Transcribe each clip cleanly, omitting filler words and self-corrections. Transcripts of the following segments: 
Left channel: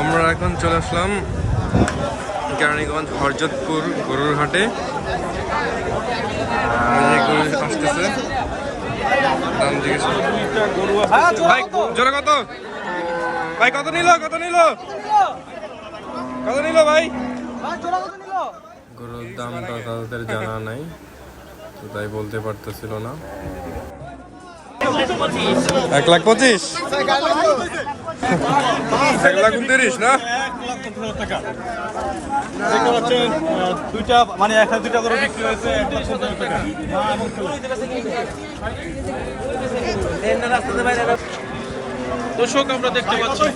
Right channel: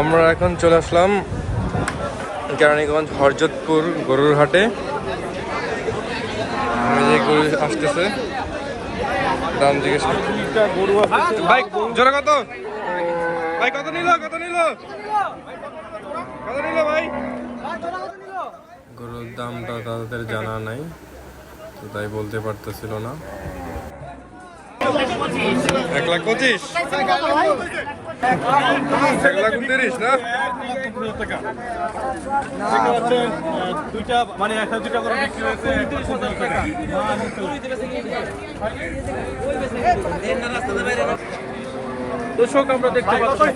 আমরা এখন চলে আসলাম কেরানীগঞ্জ হরজতপুর গরুর হাটে। গরু আসতেছে, দাম জিজ্ঞেস ভাই জোড়া কত? ভাই কত নিল ভাই? গরুর দামটা তাদের জানা নাই, তো তাই বলতে পারতেছিল না। 1,25,000 1,29,000 না? দুইটা করে বিক্রি হয়েছে। দর্শক আমরা দেখতে পাচ্ছি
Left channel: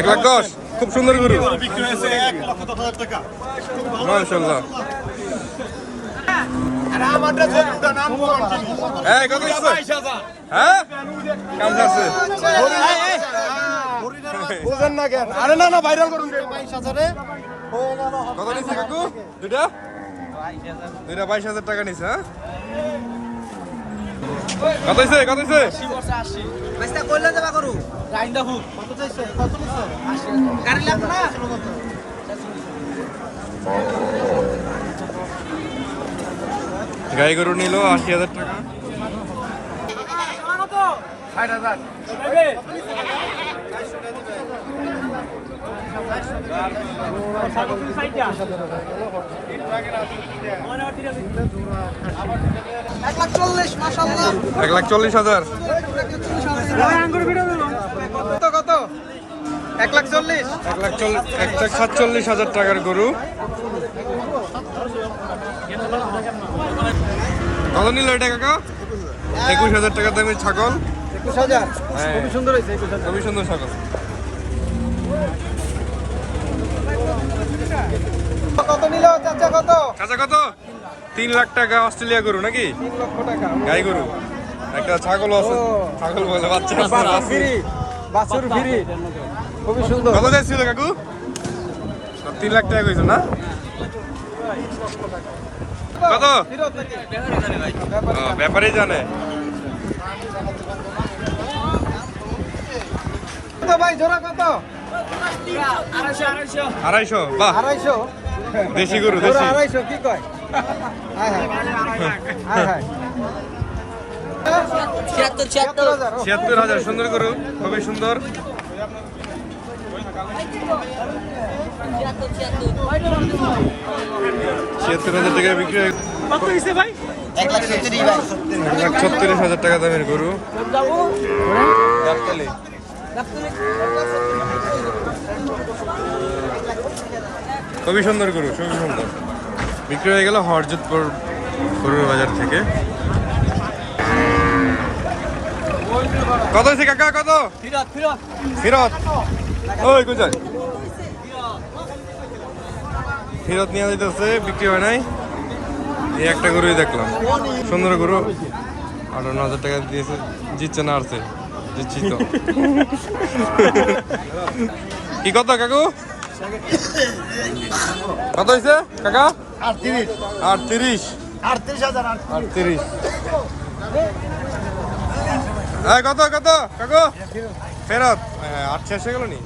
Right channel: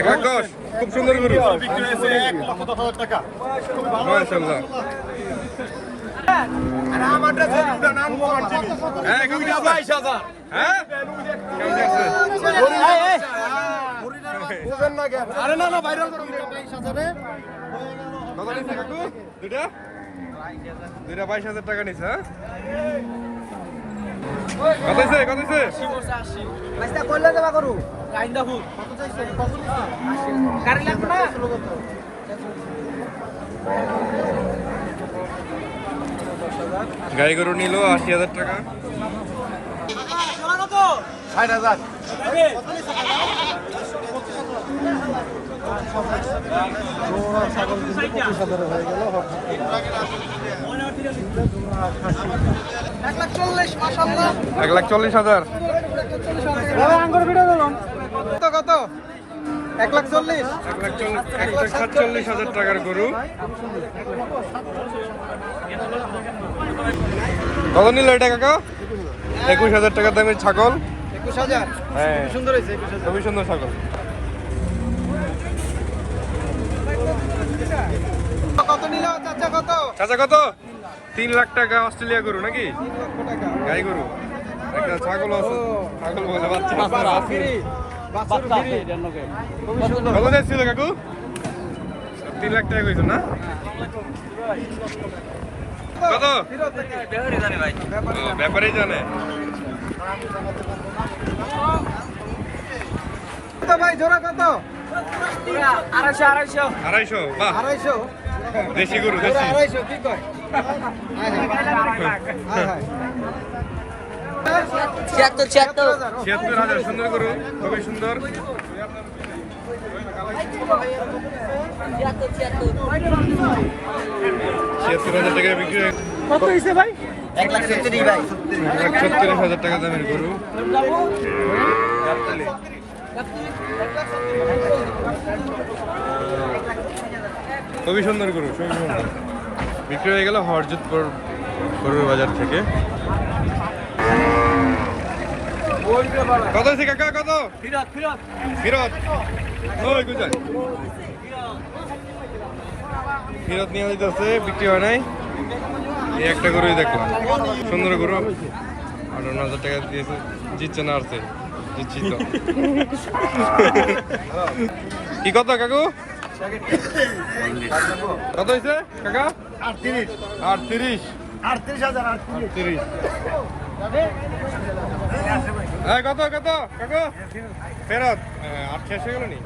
1,10,000 খুব সুন্দর গরু, বিক্রি হয়েছে 1,10,000 টাকা। মাশাআল্লাহ। কত দিচ্ছে? 22,000। হ্যাঁ কাম আছে কত নিচ্ছে কাকু? দুইটা 22,000 টাকা নিচ্ছে। হ্যাঁ কত হইছে? গাই গরু নিল 80,000 টাকা। 60,000। এক লাখ 40,000। 1,47,000 টাকার গরু। কত নিল এটা কাকা? 21,000 টাকা দামের ছাগল। 21,000। হ্যাঁ খুবই সুন্দর হয়েছে। খুবই সুন্দর ছাগল। কত নিল চাচা? চাচা কত? 3 লাখ টাকা অস্ট্রেলিয়া গরু নাকি? গাই গরু। একটা ছাগল আছে, ছাগল বলে বাচ্চা আছে। বাছুর ফ্রি। খুবই সুন্দর। কত যাচ্ছিল কাকু? 3 লাখ টাকা কইছো না? কত? ব্যাপারই জানে। ভাই জোড়া কত? 250। বাহ, 250। দেশি গরু, দেশি। 250 কি কয়? 76,000। সুন্দর গরু, খুবই সুন্দর। 76,000 টাকা বিক্রি। কত হইছে ভাই? 1,70,000 ভাই। 1,40,000 টাকা দামের গরু। খুবই সুন্দর গরু, খুবই সুন্দর। বিক্রি হয়ে গেল হরজতপুর গরুর বাজার থেকে। কত হয়েছে কাকা? কত? ফিরত। ওই কোথায়? ফিরত নিয়ে যেতেছে, বিক্রি হয় নাই। এই একটা গরুই দেখলাম, সুন্দর গরু। 58,000 টাকা দিয়েছে, জিতছে না আসছে? জিতছি তো। কি কত কাকু? কত হয়েছে কাকা? 38। 38। কত কাকু? ফেরত 8 শেষ হয়ে গেল নি?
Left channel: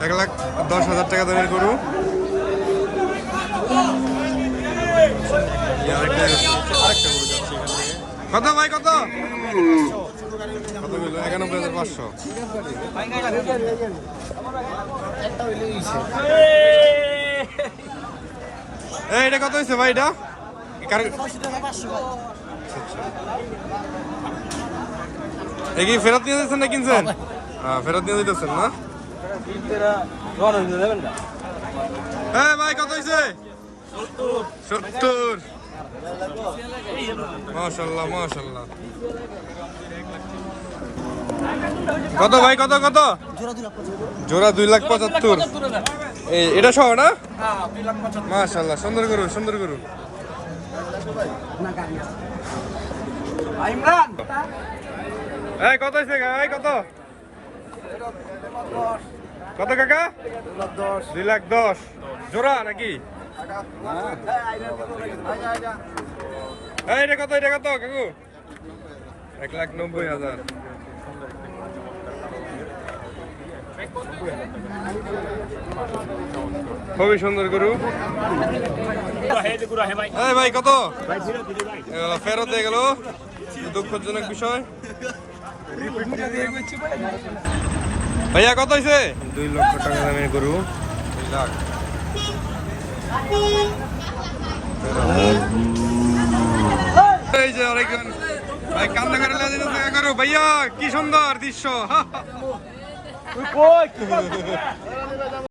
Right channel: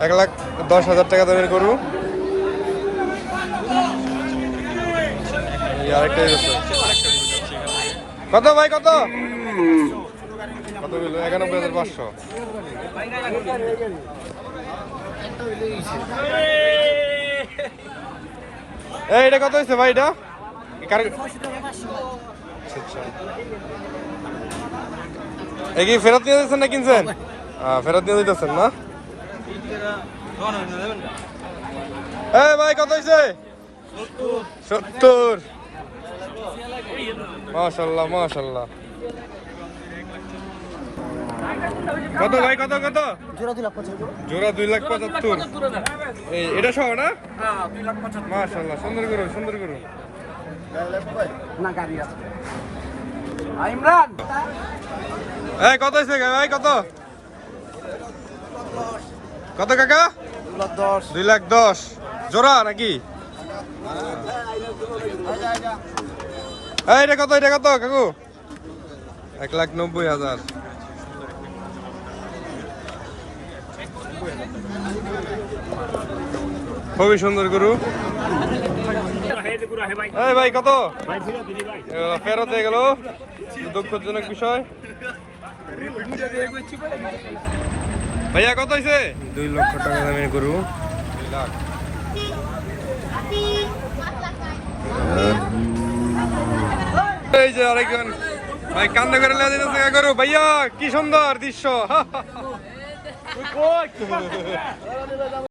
1,10,000 টাকা দামের গরু। কত ভাই? কত বললো? 91,500। এটা কত হয়েছে ভাই? এটা কি ফেরত নিয়ে দিচ্ছেন না কিনছেন? ফেরত নিয়ে দিতেছেন না? ভাই কত হয়েছে? 70। মাশাআল্লাহ মাশাআল্লাহ। কত ভাই? কত জোড়া? 2,75,000। এটা সহ না? মাশাআল্লাহ, সুন্দর গরু, সুন্দর গরু। কত হয়েছে ভাই? কত কাকা? 2,10,000 জোড়া নাকি? এটা কত কাকু? 1,90,000। খুবই সুন্দর গরু। এই ভাই কত? ফেরত হয়ে গেল, দুঃখজনক বিষয়। ভাইয়া কত হয়েছে? 2 লক্ষ টাকা দামের গরু। 2 লাখ। এই যে আরেকজন ভাই কান্দা করে লেগে দিতেছে গরু। ভাইয়া কি সুন্দর দৃশ্য।